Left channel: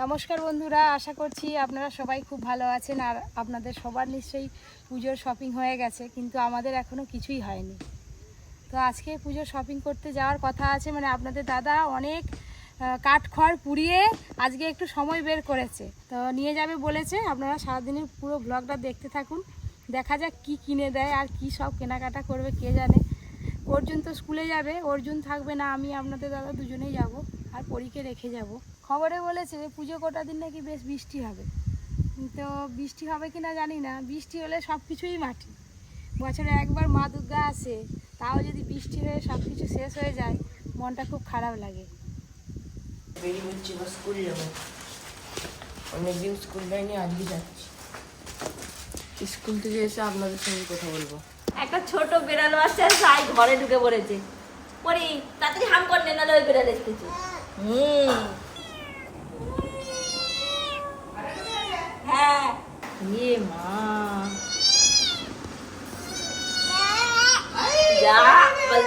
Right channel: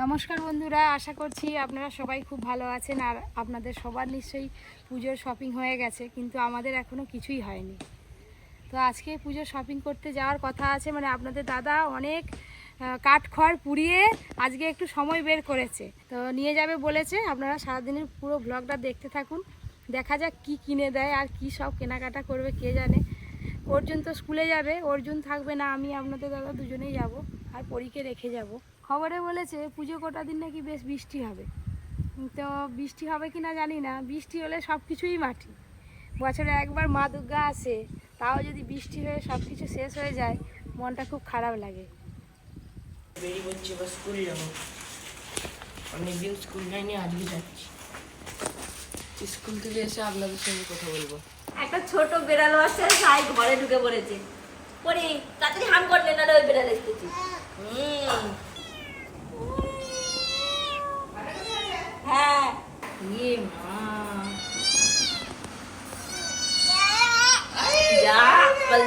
নমস্কার বন্ধুরা, আশা করছি আপনারা সবাই খুব ভালো আছেন আর আপনাদের সবার নিশ্চয়ই পুজোর শপিং হয়ে গেছে, কিন্তু আমাদের এখনও কিছুই হয়নি। তো আজকে পুজোর শপিং করতে যাওয়ার কথা আছে মানে আপনাদের দাদা অনেক কাঠখড় পুড়িয়ে আজকে একটু সময় বের করেছে। তো নিয়ে যাবে বলেছে, আপনারা সারাদিনের পুরো ব্লগটা দেখতে থাকুন, দেখা যাক কি কিনে দেয় আর কি সব কেনাকাটা করবে, কে জানে। অর্জুন তো স্কুলে যাবে, অর্জুন থাকবে না, আমি আপনাদের দাদা দুজনেই যাব, আর পরীকে রেখে যাব। খবরে বলেছে পুজো কটা দিন নাকি বেশ বৃষ্টি হবে। তো বৃষ্টি হবে কি না জানি না বৃষ্টি হলে সব কিছুই মাটি। বছরে একবার মা দুর্গা আসে তাও যদি বৃষ্টি হয়ে সব কিছু শেষ হয়ে যায় মনটা খুব খারাপ লাগে। বেরিয়ে বলছি এবার স্কুল যাব। অনেকদিন স্কুল যাইনি আজকে যাচ্ছি। স্কুল থেকে এসে আপনাদের সঙ্গে কথা বলব। একটা ছোট বেড়াল আসছে সাইড ঘরে ঢুকে পড়েছে। পরি তাড়াতাড়ি হাম করলে না ওই বেড়াল এসেছে। হুম। ইয়ে মা যা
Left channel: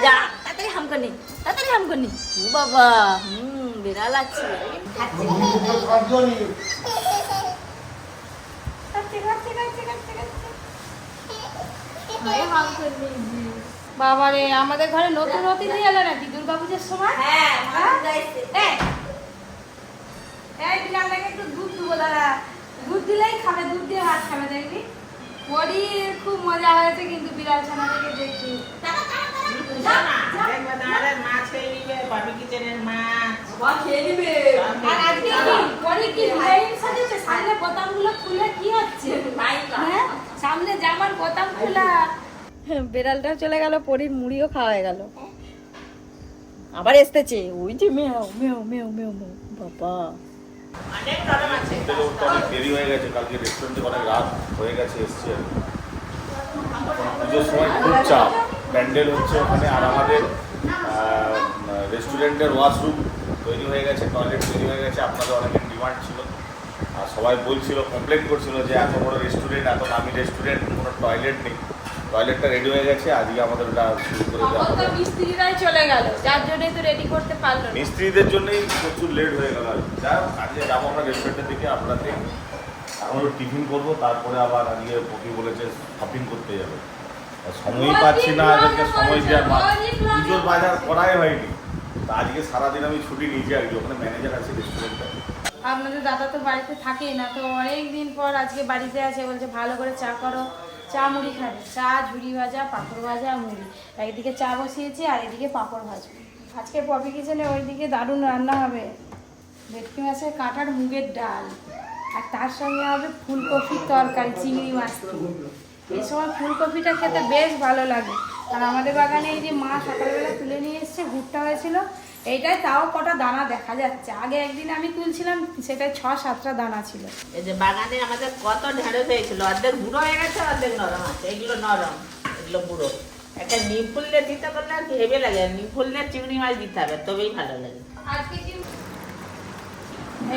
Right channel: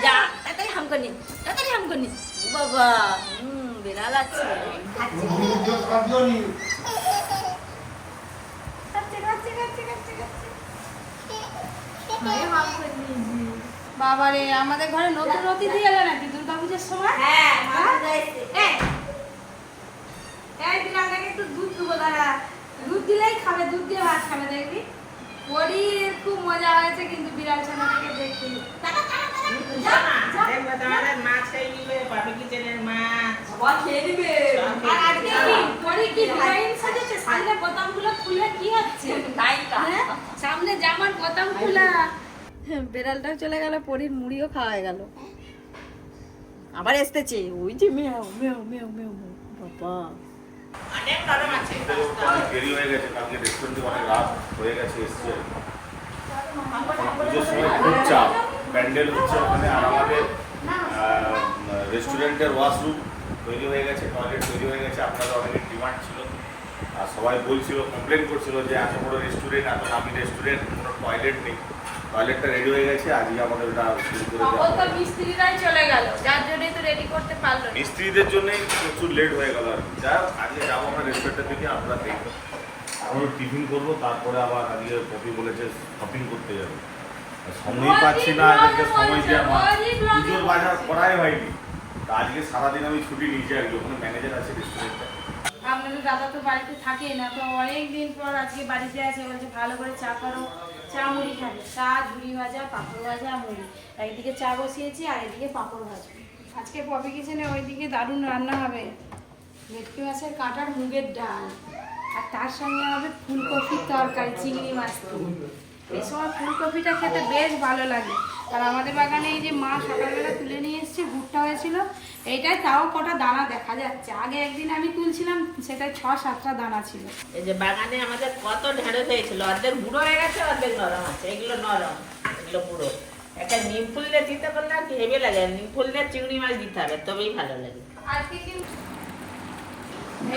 যা তাড়াতাড়ি হাম করনি তাড়াতাড়ি হাম করনি ও বাবা হুম বেড়াল আছে বাবা রে আমাদের ঘরে নতুন অতিথি এলো নাকি? দুর্গা পুজোর সময়? হ্যাঁ এই একটু দুধ দেবো দাঁড়া। দুধ দিলেই খাবে দুধ দিয়ে ভাত খাবে দেখবি? ওরই খুব মজা হয়েছে কিন্তু বিড়াল ছানাটাকে দেখি সামনে হ্যাঁ? সামনে জামার বোতাম খোলা। বেড়ালটাও চলে গেল পরির মুড়িও খাওয়া গেল। আবার এসতেছে ওই যে মেও মেও মেও মেও বাবা। দেরি হয়ে গেছে, কালকে রেস্টুরেন্টে অনেক রাত হয়ে গেছে, এসছে। পুজোর সময় খুব চাপ। প্যান্ডেল হচ্ছে ওখানে, আর আমাদের রেস্টুরেন্টের ওয়াশরুম তৈরি হয়ে গেছে টয়লেট তৈরি হয়ে গেছে, আপনাদের অনেকের ডিমান্ড ছিল। আর সবাই বলছিল কমপ্লেন করছিল যে এত বড় রেস্টুরেন্ট এত দামি রেস্টুরেন্ট কোনো টয়লেট নেই। টয়লেটটা রেডি হয়ে গেছে আজকে আমাদের ওটা শুরু করে দেওয়া হবে। মিস্ত্রিরাই চলে গেল যার জন্যই তো রেডি করতে পারল না। মিস্ত্রিদের জন্যই প্রচুর লেট হয়ে গেল আর হোক আজকে যাব আমরা রেস্টুরেন্টের দিকে আপনারা দেখবেন এখন টিফিন করব তারপরে আবার আজকে পপি বলেছে শপিং করতে যাবে। আর সময়ই পাচ্ছি না আজকে সময় দেওয়ার মা পুজোর বাজার করাই হয়নি। তা আজকে সারাদিন আমি ছুটি নিয়েছি আর ওখানে ম্যানেজার আছে রেস্টুরেন্টে আপনাদের দাদা তো বাড়িতে থাকে না, তো অনেক দিন পর আজকে বাড়িতে আছে, বলছে ভালো করে চা করো। চা মুড়ি খাবে। চা, ঝুড়ি ভাজা, পাঁপড় ভাজা, মুড়ি। একদিকে চা বসিয়েছি আর এদিকে পাঁপড় ভাজবে। আজকে পপি কিচেনে ওইদিকে দারুণ রান্না হবে। ভেটকি মাছের কাঁটার মুগের ডাল। আর তার সঙ্গে হবে ফুলকপির তরকারি, চিংড়ি মাছ। এই সময় ফুলকপিটা খেতে বেশ ভালো লাগে। আর আমাদের বাগানে এই যে মা সকালবেলা তুলে নিয়ে এসছে ভুট্টা হয়েছিল। এইটাই তাও কটা দানা দেখা যাচ্ছে। আগে একদিন আমি তুলছিলাম সেটাই ছ সাতটা দানা ছিল। এই যে বাগানে আমাদের কত ঢেঁড়স হয়েছিল অর্ধেক বুড়ো হয়ে গেছে অর্ধেক নরম আছে। এগুলো নরম এগুলো বুড়ো একটা নিম ফুল দিয়ে দিতে পারলে আর হেবে লাগে নিম ফুল দিয়ে চিংড়ি মাছ দিতে হবে তবেই ভালো লাগে। আজকে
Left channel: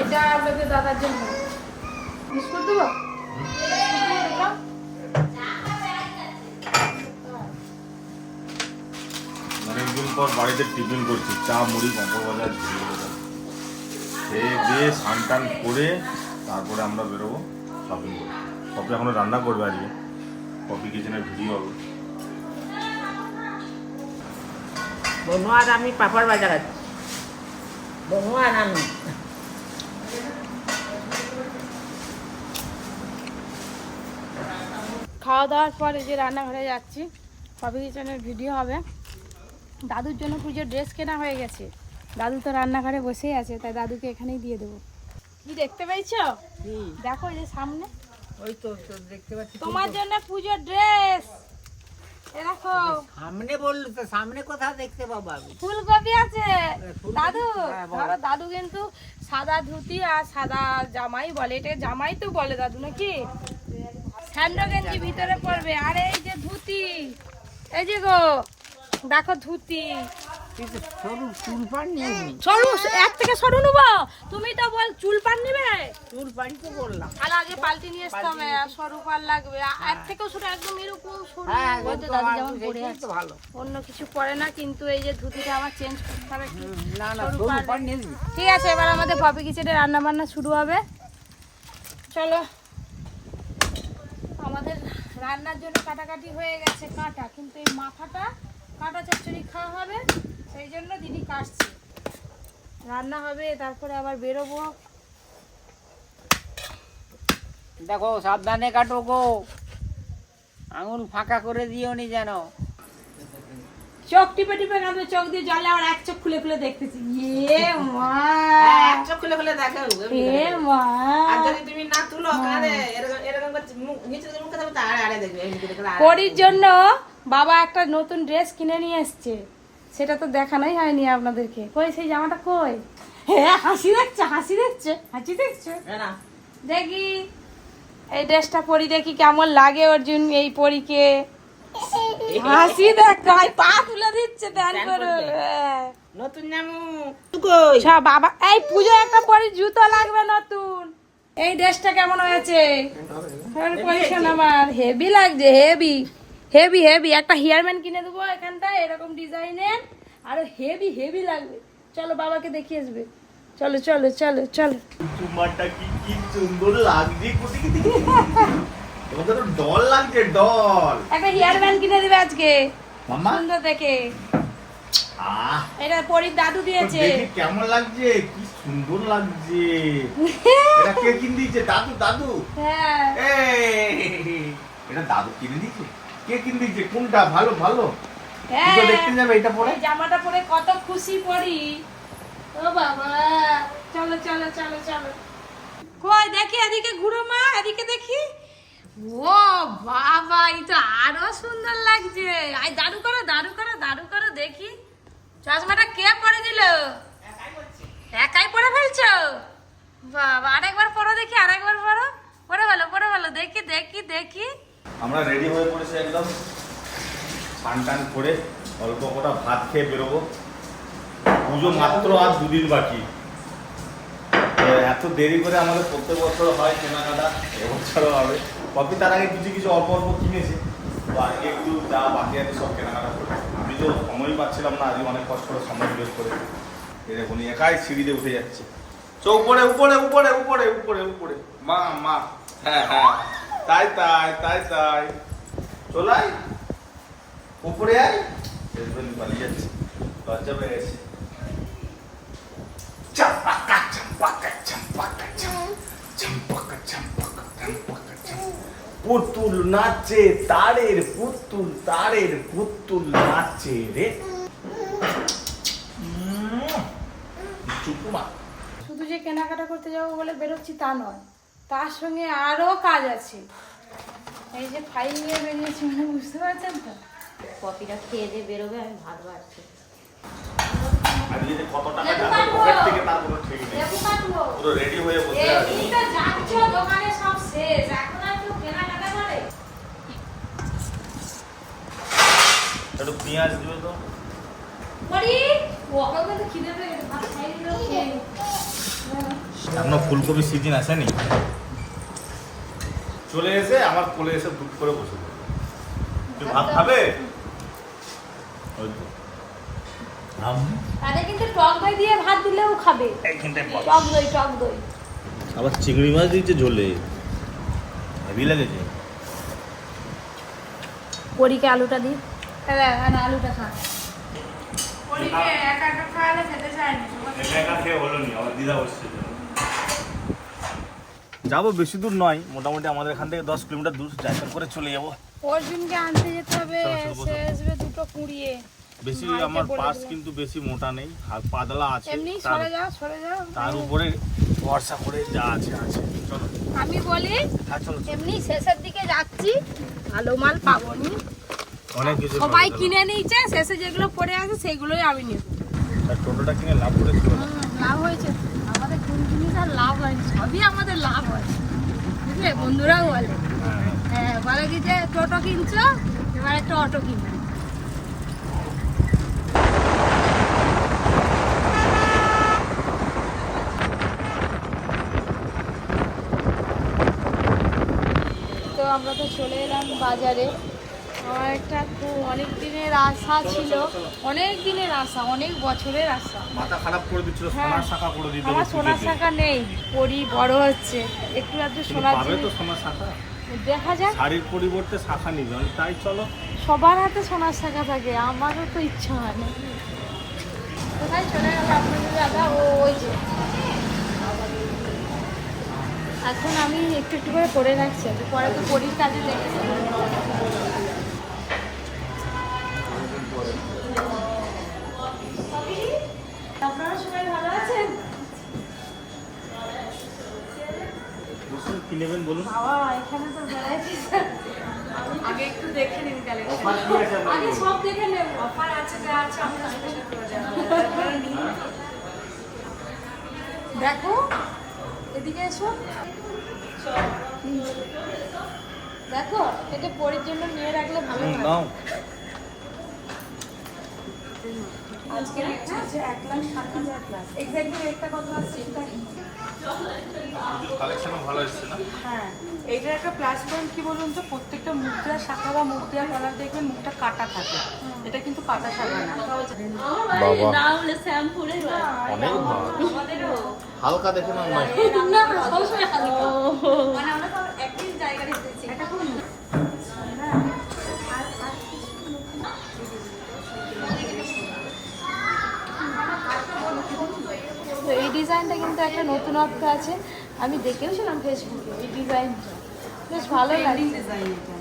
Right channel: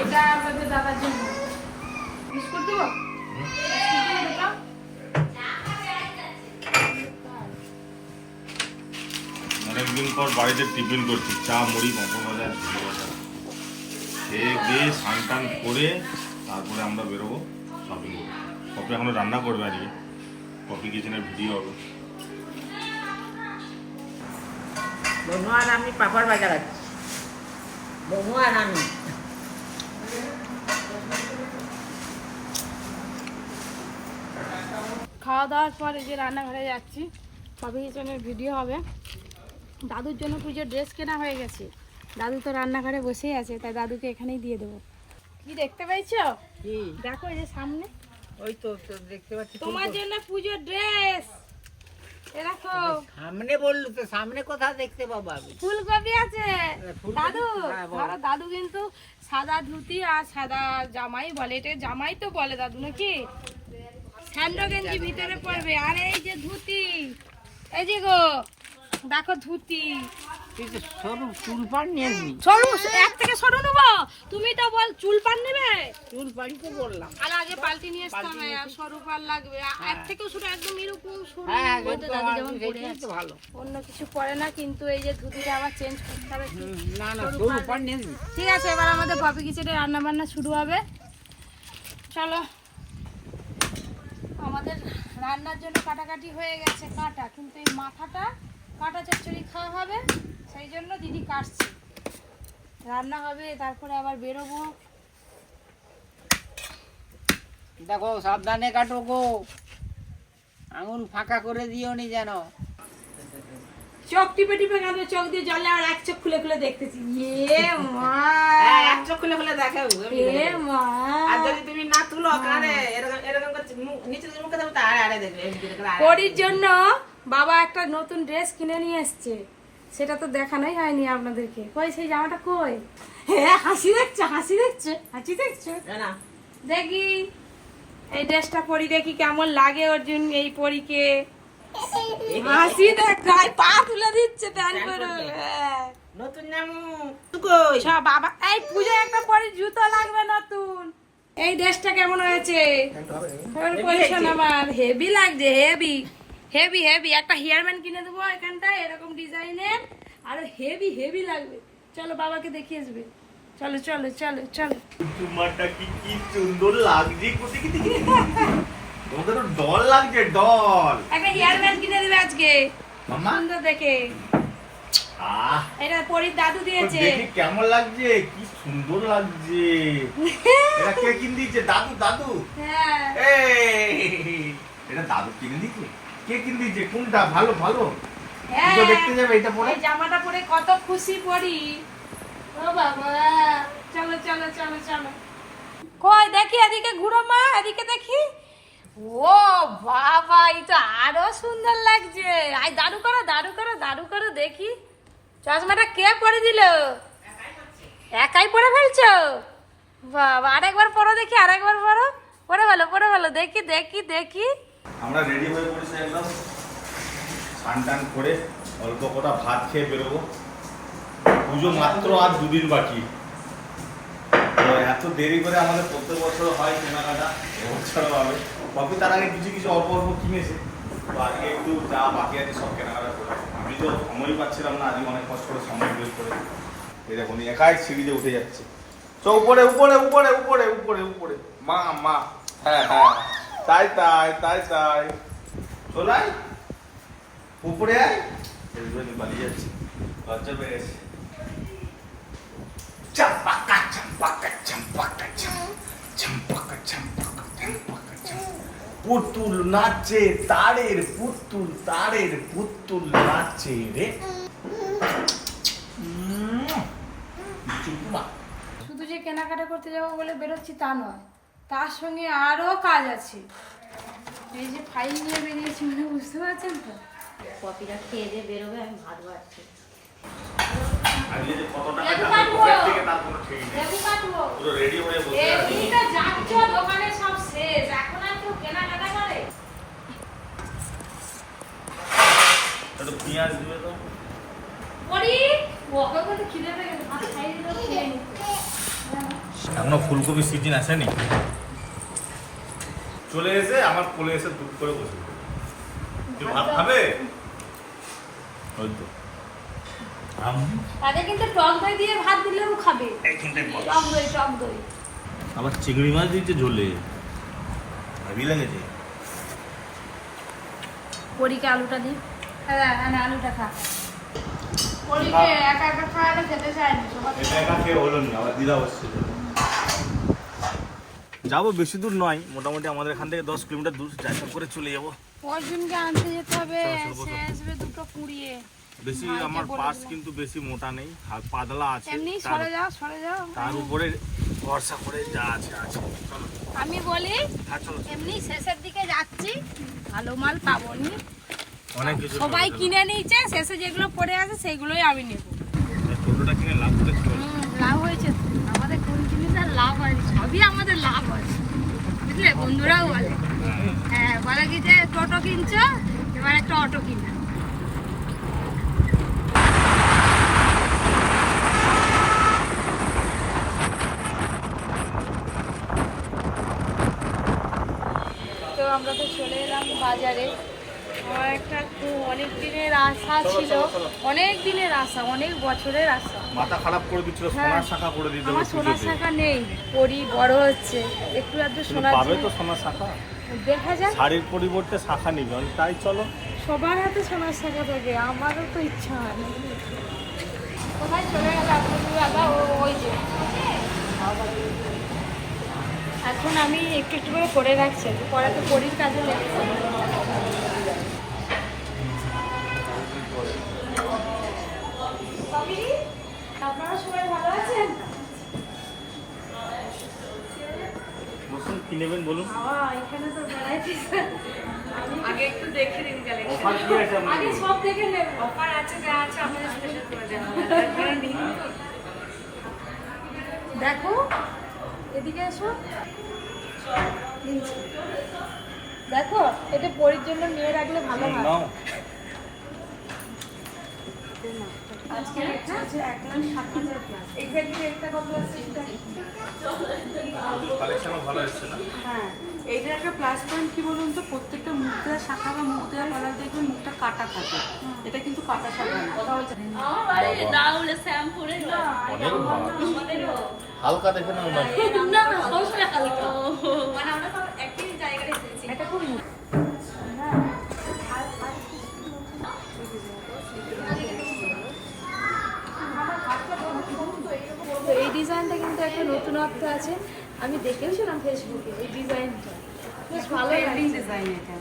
এটা আপনাদের দাদার জন্য। বিস্কুট দেবো? অনেকদিন পর বাড়িতে টিফিন করছি। চা মুড়ি পাঁপড় ভাজা ঝুড়ি ভাজা খেয়ে দিয়ে স্নান টান করে তারপরে আমরা বেরোবো শপিং করতে। কপি এখনও রান্না করবে আজকে। কপি কিচেনের ভিডিও হবে। বনু আর আমি পাপড় বাজার আছি। বনু আর আমি। খাওয়া দাওয়ার পর এই যে রান্নাঘরে যাচ্ছি। কবি কিচেনের ভিডিও হবে। দাদুর জন্য পুজোর ড্রেস কেনা হয়ে গেছে। দাদু তো রান্নাঘরে বসেই আছে তাই দাদুকে এখানেই দিয়ে দেবো। কি দেখতে পেয়েছ? দেখো এই যে সামনে। ওই তো দেখতে পাচ্ছি তোমার জন্য পুজোর ড্রেস। এ দেখো। সামনে বলল তো সামনে দেখতে পাবো আমি। ফুলকপি আছে। দাদু হ্যাঁ, ধরো দাদু কিন্তু সাদা ধুতি আর সাদা জামাই বলে। এটা জামাই তো বলে দাদু নাকি? স্যান্ডো গেঞ্জি ভিতরে পড়বে আর এই যে ধুতি এই যে গো দেখো ধুতি। সরু চুল পান নিয়ে সরু এক থেকে সরু নেব? তুমি তো বল চুল পান নেবে? চুল পান তো বললাম। তাহলে আগে পাল্টি নিয়ে আসতে হবে আর সরু লাগবে। এক থেকেও শুরু একদম এরকম হ্যাঁ ভালো। অন্য কিছু পরে না কিন্তু এই যে ধুতিটা আবার চেঞ্জ করতে হবে না না সরু পান। নিয়ে ঠিক আছে এবার আমাদের পপি কিচেনে রান্না বান্না শুরু হবে। চলো। আমাদের রান্নার জন্য কাটাকাটি হয়ে গেছে কাটা কিন্তু এই মাথাটা কাটা চচ্চড়ি খাওয়া হবে সেই জন্য দিদি কাটছে। রান্না হবে তারপরে আবার বেরোবো। দেখো সাবধানে কাটো গো। আঙুল ফাঁকা করে দিও নি যেন। চোখ টিপে টিপে কাঁদবে চোখ দিয়ে জলে আর এক চোখ খুলে খুলে দেখতেছি। ইয়ে মা। এক চোখ খুলে খুলে দেখো এ মা। আর যদি তুমি না তুলো এরকম এরকম মুখ- নিচে মুখে থাকবে আড়ে আড়ে দেখবে এই দিকে করে আড়ে। পরির জন্য বাবা একটা নতুন ড্রেস কিনে নিয়ে এসছে। সেটা তো দেখানোই হয়নি আপনাদেরকে। কই সেই জামাটা কই? হ্যাঁ হাসি দেখছে হাসি দেখছে হাসি দেখছে। দেখি এই ড্রেসটা পরি দেখি কেমন লাগে অর্জুন এই পরীকে। হাসি দেখ ভাই পা তুলে দিচ্ছে দান করে। হ্যাঁ। নতুন জামু কই? সব বাবা এই পুজো একটা পরি জুতো লাগবে নতুন। এই ড্রেসটা কেমন হয়েছে? আমার। হেভি লাগছে হেভি হেভি হেভি একটা হেয়ারম্যান কিনে দেবো এখানটায় এরকম ডিজাইনের। আর হেভি হেভি লাগবে। চলো বাবাকে দেখিয়ে আসবে। চলো চলো চলো চলো। তোমারটা কি কি সুন্দর লাগছে? কোথেকে দেখি? তোমাদের ডল লাগছে ডল একটা হেয়ারম্যান কিনে দেবে আজকে। মামা সুন্দর দেখে। আহ। এটা পরির দাদু দিয়েছে। কেমন লাগছে কি সুন্দর লাগছে। এটা কে কিনে দিয়েছে? দাদু দাদু। হ্যাঁ। এই, এটা দাদু কিনে দিয়েছে? কে কিনে দিয়েছে কোনটা ভালো ভালো? হ্যাঁ। দেখতে যাবে এটা পরে। জামাটা পরে কত খুশি পরি। ও বাবা চলো চলো চলো চলো। কই দেখি এদিকে ঘুরো মা এদিকে দেখি। ও বাবা এই তো আরও সুন্দর লাগছে। আই দারু করো দারু করো দারু করো দেখি। চশমাটা কে পরে দিল? একাই পরে ফেলছো? বাবা আরেকবার পরো দেখি আরেকবার পরো। পরে ভালো পরে ভালো দেখি দেখি দেখি। আমরা রেডি হয়ে পড়েছি একদম। স্নান টান করে অল্প কটা ভাত খেয়ে বেরোবো। পুজো মাত্র আর দুদিন বাকি। এত দেরি করে আমাদের প্রত্যেক বছর হয় কেনাকাটা, এবছরও হবে। কপি তার আগে কিছু কিছু অল্প অল্প কিনেছে। তো আজকে একটু যা বাকি আছে সব কেনাকাটা করে আমি তো সময় পাচ্ছিলাম না, আজকে অনেক কষ্ট করে সময় বের করে। এই দেখুন, একাই সিঁড়িতে উঠে যাচ্ছে। তো উপরে উপরে উপরে উপরে উপরে উপরে। মা মা। হ্যাঁ হ্যাঁ। তাই তাই তাই তাই। চলাই উপরে আয়। পালিয়ে যাচ্ছে। লজ্জা পেয়ে গেছে। চাম্পাকা চাম্পাকা চাম্পাকা চাম চাম্পাকা চাম্পাকা চাম্পাকা। চাম পুতুল নাচে তারের পুতুল তারের পুতুল নাচে রে। শুধু যে কেনাকাটা করতে যাব বলে বেরোচ্ছি তা নয়। তার সঙ্গে আরও কাজ আছে। এই যে ফাইল নিয়ে বেরিয়েছি মানে বুঝতে পারছেন তো? কপিটা খেয়ে দিয়ে বেরোবে আমি ভাত বাড়ছি। দোকানে সব শেষ। এখন আর কেউ কেনাকাটা করে? পেঁয়াজ দিলে তো। করি? ওকে কিন্তু খিদে পেয়ে গেছে ভাত খাইয়ে দিলেও খেয়ে নি। এখনও ফুলকপি সিজন আসেনি চলে এসে আমার কোলে এসে দুধ করে বসে তুই ভাত খাবে? ওই তো। তাদের কিন্তু টক দই দিয়ে ভাত দিলেও খাবে। টক দই টক দই। আবার চিংড়ি মাছ দিচ্ছে ঝোলে। ভাবি লেগেছে। পরীকে আলুটা দিই হ্যাঁ হ্যাঁ না, আলুটা খা। পরীকে একা একা খাওয়ালে খেতে চায় না একা একা খেয়ে হলো নি আবার দিদা বসছে। যাব বেশি দূর নয় মোটামুটি আমাদের এখান থেকে দশ কিলোমিটার দূর যাতায়াত করে চলে যাব। অর্জুনকে আনতে যেতে হবে সে আসবে দুটো কুড়িয়ে। বেশি আমার পাস কিন্তু বেশি মোটা নেই হাত পাতলা আছে এমনি সরে যাও সরে যাও। তার উপরে ভরসা করে যা আছে আছে। চলো। আমি বলি হ্যাঁ। এমনি শেষের দিকে যাচ্ছি ভালো মাল পাবো নি। অনেক কিছু সবাই কিনে নিয়েছে শেষে যেগুলো পড়ে আছে সেইগুলোই আমি নেব। টোটোটা কিনে লাভ করেছি? লাভ হয়েছে। আমাদের কোন জিনিস আর লাভ হয় সবই আমাদের লাভ হয়। বুঝলে? বন্ধুরাও বলে। হ্যাঁ বলে কি যে, টোটো কিনছো, এবার একটা অটো কিনো তো আমরা তো চলে এলাম বাজারে। একটা অনেক দিনের আশা ছিল। অনেক দিনের আশা অনেক বছরের আশা। মাথা খারাপ করে দিচ্ছিল সোনার শাখা করে দিতে হবে সোনার শাখা নেই পরি বড় হচ্ছে। একটু আধটু সোনার পাবে তো সোনার শাখা? দেখা যাক। শাড়ির পরিবর্তে শাখা নিবে তাই চলো। সবার হাতে সোনার শাখা থাকে আমারও তো ইচ্ছা হয়। কোথায় চলে গেল আপনাদের দাদা? ও ওই যে। এখন আমি একটু একটু করে পরে রাখছি পরে তো পরির কাজে লেগেছে। বসুন কি নেবেন বলুন? এখানে তো আগে একটু দেখে নিন কালেকশন অফার কি আছে আগে সব দেখে নেব। অফার আছে যা আছে আপনাদের স্পেশাল করে দেওয়া। দেখো এদিকে এসো। দেখো এটা পরের জন্য নিয়ে রাখলে ভালো হয়। আজকে রেট চলছে এক লাখ ষাট হাজার প্লাস এক্স্যাক্টলি রেটটা কত আছে সেটা? কালেকশনও ভালো এসছে না? হ্যাঁ এইটার একটা প্লাস পয়েন্ট কি বলুন তো? প্রত্যেকটা শাখা বা মুদ্রার কলার দেখবেন মুখটা কাটা থাকে। এটা কিন্তু কাটা না। হালকা দেখে না আমার এটা খুব তো এই ডিজাইনটা কিন্তু একটা নতুনত্ব আছে। আমি দেখেও দেখেওছিলাম ফেসবুকে এই ডিজাইনটা। বেশ ভালো ডিজাইন এটা।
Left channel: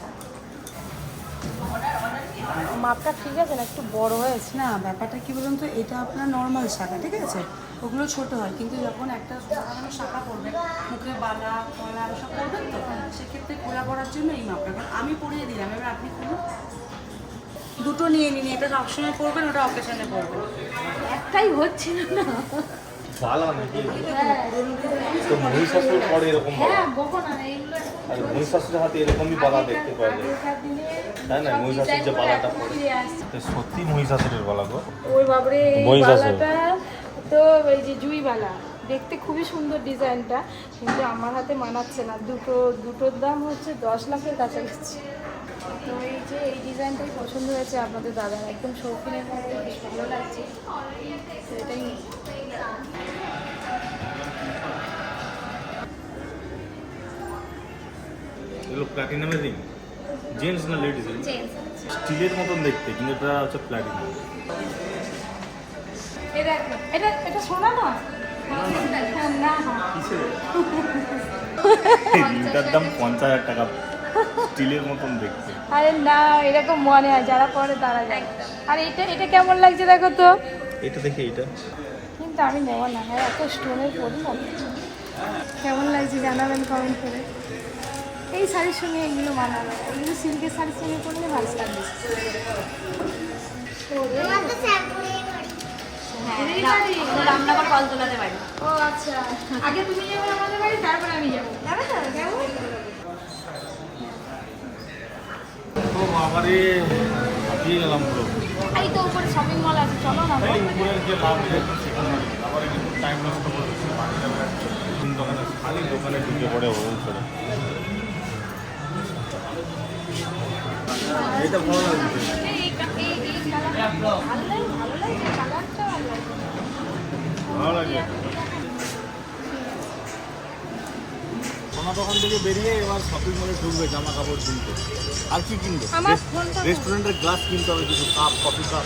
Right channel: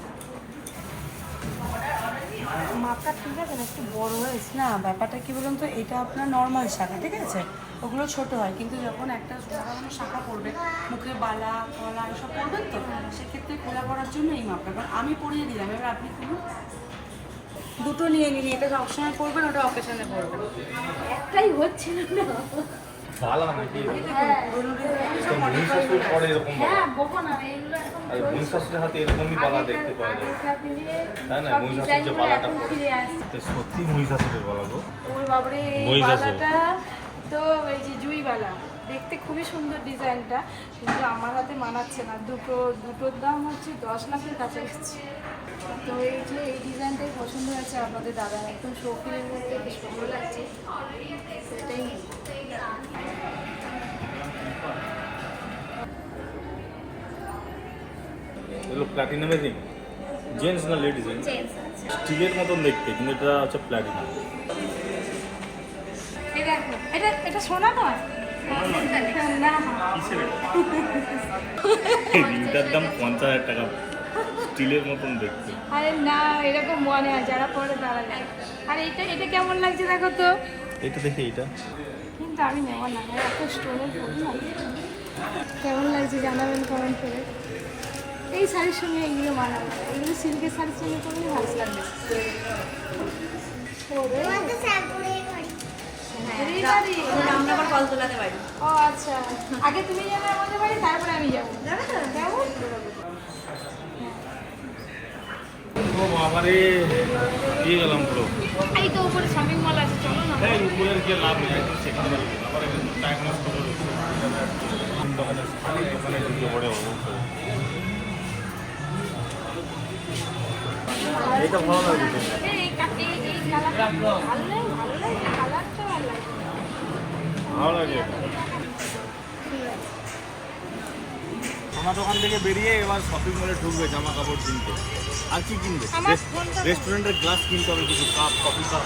মাপটা ঠিক আছে না একটু বড় হয়েছে। না ব্যাপারটা কি বলুন তো এটা আপনার নর্মাল শাখা ঠিক আছে? ওগুলো ছোট হয় কিন্তু যখন একটা সাধারণ শাখা মুখে বালা কলা এসব তো সেক্ষেত্রে খোলা করার জন্য এই মাপটা কারণ আমি পরিয়ে দিলাম এবার আপনি খুলুন। দুটো নিয়ে নিন এটা সবসময় পরবেন ওটা অকেশনে পরবেন। একটাই হচ্ছে না। তো দেখতে যে দেখতে খুবই সুন্দর ডিজাইনটা কিন্তু আমার হাতে মানাচ্ছে না দুটো দুটোর দাম হচ্ছে দশ লাখের কাছাকাছি তো এই যে এই ডিজাইনটাই পছন্দ হয়েছে আপনাদের দাদা একদম শৌখিনের মধ্যে বেশ ভালো লাগছে। তো এটাই এগুলো প্ল্যাটিনামের রিং জেন্টস না লেডিস স্টিলের মতন দেখতে কিন্তু এটা হচ্ছে প্ল্যাটিনাম এটা এটা সোনা নয়? রিংটার দাম পঞ্চাশ হাজার টাকা। স্টিলের মতন দেখতে। আরে না এরকম মনে হয় যারা পরে দেখ। আর এটা এটা কেমন লাগছে দেখো তো? এটা দেখি এটা কিন্তু আমি নেব না আমি এত স্টোনের পরি না কেমন লাগছে জানাবেন কমেন্ট করে। এই শাড়ির সঙ্গে এগুলো মানাবে। এগুলো সিল্কের শাড়ির সঙ্গে পরলে ভালো লাগবে। পারি ও আচ্ছা। আগে তুমি যাবে আমাদের বাড়ি তারপরে আমি যাব। যাবে তো? যাব? ও বাবারে দিয়ে গেলাম পুরো। এই তো উপরে শপিং মল আছে চলো না। এই উপরের যে লাভ সেখানে বাড়ি আবার একটু টাইম নষ্ট করে দিচ্ছে তিন দোকানে দোকানে ঢুকে পড়ে ওল করে এইটা ভালো কালারটা ভালো লাগে। সোনা দোকান থেকে বেরিয়ে এবার শপিং মলে ঢুকবে জামা কাপড় কিনতে। আর কি কিনবে? রেস্টুরেন্টের গ্লাস কিনতে হবে কিছু কাপ কফি কাপ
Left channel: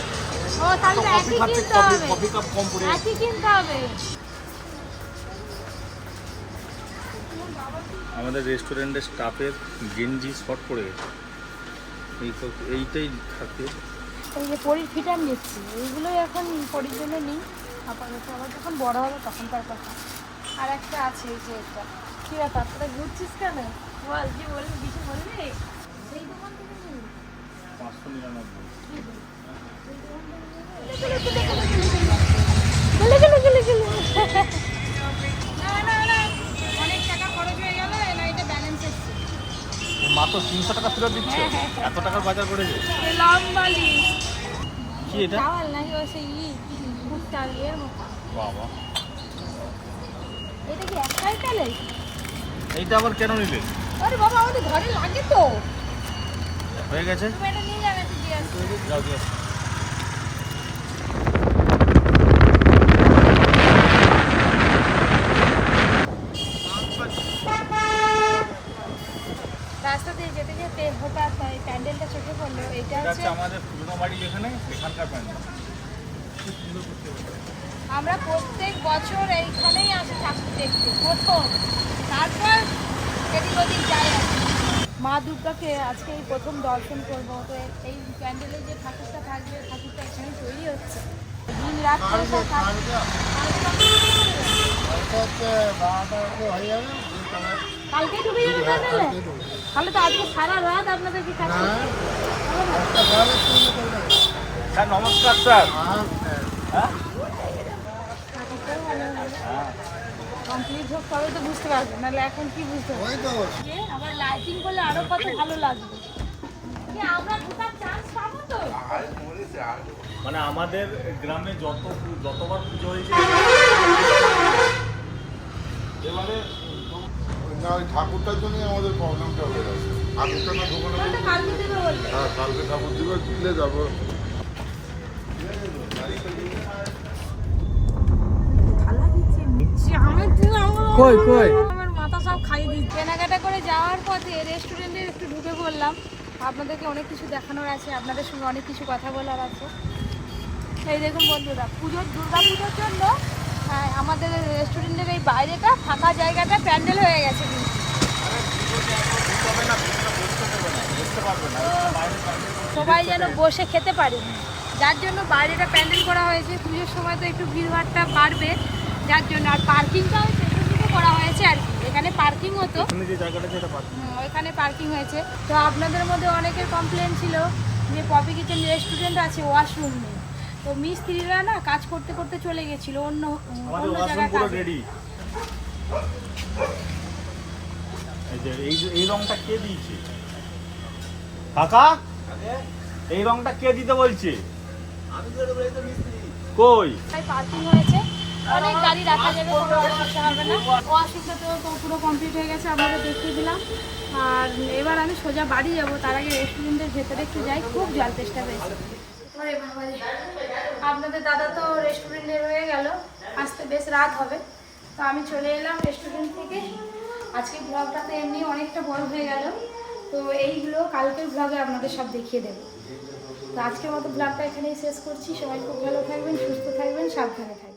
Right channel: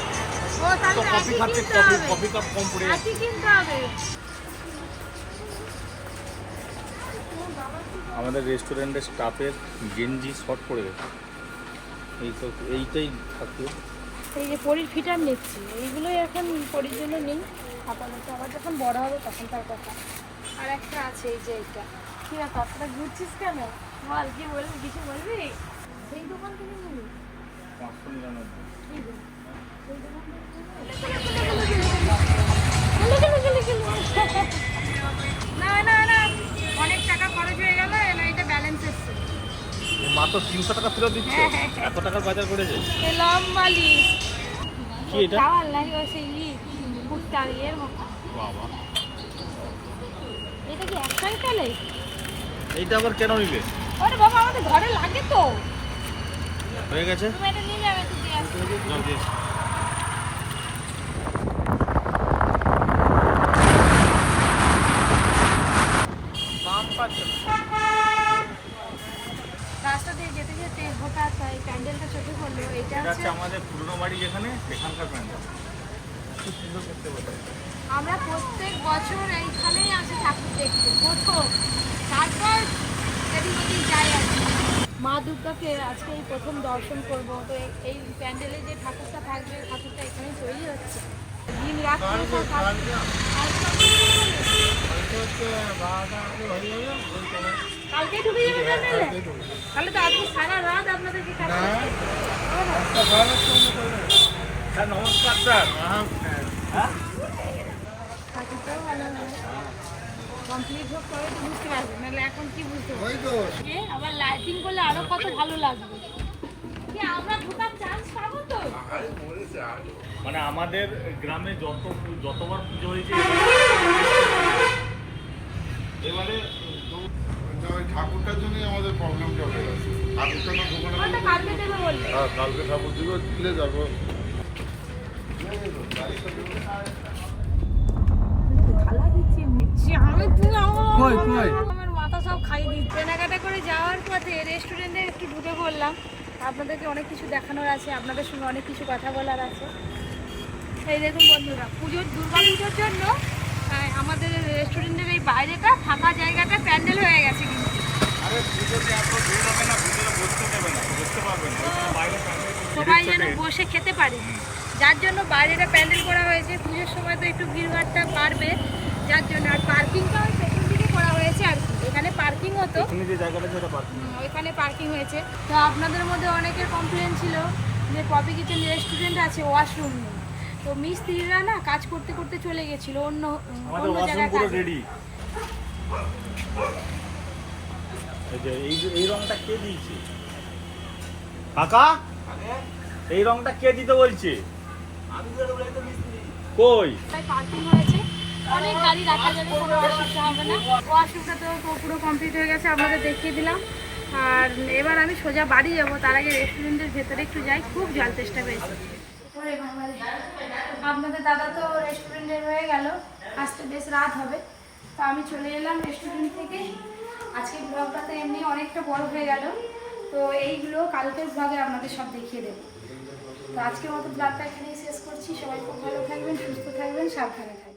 তো কফি খাচ্ছে কফি কফি কাপ কম পড়ে যাচ্ছে। কিনতে হবে। আমাদের রেস্টুরেন্টের স্টাফের গেঞ্জি শর্ট পড়ে গেছে। এই এইটাই থাকে এই যে পরির ফিটার নিচ্ছি এইগুলোই এখন পরির জন্য নেই। আপাতত আবার যখন বড় হবে তখন তার কথা। আর একটা আছে এই যে এটা। কি ব্যাপার? তোরা ঘুরছিস কেন? বল কি বলবি কিছু বলবি এই দোকান থেকে নিবি। পাঁচশো নিরানব্বই। মাত্র তিনশো টাকা ফেরত দিচ্ছে? হ্যাঁ, হ্যাঁ, এত টাকার বাজার করেছে লম্বা লিস্ট কি এটা? চাওয়াল নাকি ওই সেই ই এর মতো বাবা। এটা কি একটাই তাহলে? এইটা আবার কেন নিলে? আরে বাবা আমাদের ঘরে লাগে তো। হয়ে গেছে? তুমি এটা নিয়ে যাবে তুই দিয়ে আসো। যাও দিয়ে আসো। রাস্তা দিয়ে যেতে যেতে হঠাৎ এই প্যান্ডেলটা চোখে পড়ল এটা এটা হচ্ছে হচ্ছে আমাদের পুরোনো বাড়ি যেখানে সেখানকার প্যান্ডেল খুব সুন্দর করতে পারে আমরা প্রত্যেক বছর এইখানেই আসি ঠাকুর দেখতে প্রথম তারপর এদিক ওদিক যাই আর কি। মা দুর্গাকে আজকে এই প্রথম দর্শন করব। তো এই- প্যান্ডেলে যে ঠাকুরটা থাকবে ঠাকুরটা এখানেই তৈরি হচ্ছে। দিন রাত কালকে ঢুকে তাহলে তো আজকে সারা রাত আপনাদেরকে কাজ স্যার নমস্কার স্যার। ঠাকুরটাও ভালো হবে। কমপ্লিট হোক তবে তো বুঝতে পারবে নাহলে এখন কি বুঝতে পারবে আবার লাইটিং করলে আরও কত ভালো লাগবে। মানে আমাদের গ্রামে যত যতবার পুজো হয়েছে এবারে না ওই ঠাকুরটার জন্যই আমাদের প্রবলেমটা হয়ে গেছে। ঠাকুরটা না দোকানে কালকে হ্যাঁ কালকে ঠাকুর দিবে দিলে যাব। কই কই? মাথা সব খাই দিচ্ছে। কেনাকাটা করে যাওয়ার পথে রেস্টুরেন্টে একটু ঢুকে পড়লাম। আপনাদেরকে অনেক কিছু দেখানোর আছে আপনাদের সঙ্গে অনেক কিছু কথা বলার আছে। এই দেখুন বন্ধুরা পুজোর দুর্গা পুজোর জন্য আমাদের রেস্টুরেন্টের এই বাইরেটা ফাঁকা জায়গাটা প্যান্ডেল হয়ে গেছে কিন্তু। সবাই যেন বসে খেতে পারে। যার জন্য বাইরেটা প্যান্ডেল করা হয়েছে পুজোর সময় তো একটু ভিড়ভাড়টা বাড়বে যার জন্য আর পার্কিংটাও করা হয়েছে আর কি। এখানে পার্কিং হতো। এখানে যে জায়গাটা যেটা পার্ক ওইখানে পার্কিং হয়েছে। তো আপনাদের মধ্যে অনেকের কমপ্লেন ছিল যে পপি কিচেন রেস্টুরেন্ট আছে ওয়াশরুম নেই। তো মিস্ত্রিরা না কাজ করতে করতে চলে গেছিল অন্য অন্য জায়গায় পুরো রেডি এই যে এই রংটা কে দিয়েছে? কাকা? এই রংটা কে দিতে বলছে? কই? পার্কিং হয়েছে। অনেক গাড়ি রাখা যাবে, কোনো অসুবিধা হবে না। ওয়াশরুমটা তো পুরো কমপ্লিট হয়ে গেছে, আপনাদের দেখিয়ে দিলাম। আর এবার আমি সোজা বাড়ি যাব, তার আগে রেস্টুরেন্টের ভেতরে একটু যাই, খুব জল তেষ্টা পেয়েছে। আপনাদের দাদা তো রেস্টুরেন্টে রয়ে গেল, আসতে বেশ রাত হবে। তো আমি চলে এলাম রেস্টুরেন্ট থেকে। আজকে ব্লগটা তো এমনি অনেকটা বড় হয়ে গেল। তো এইগুলো কালকের ব্লগে আপনাদের সব দেখিয়ে দেবো। তো আজকের মতো ব্লগটা এখানেই শেষ করছি। সবাই খুব ভালো থাকবেন, সুস্থ থাকবেন, সাবধানে থাকবেন।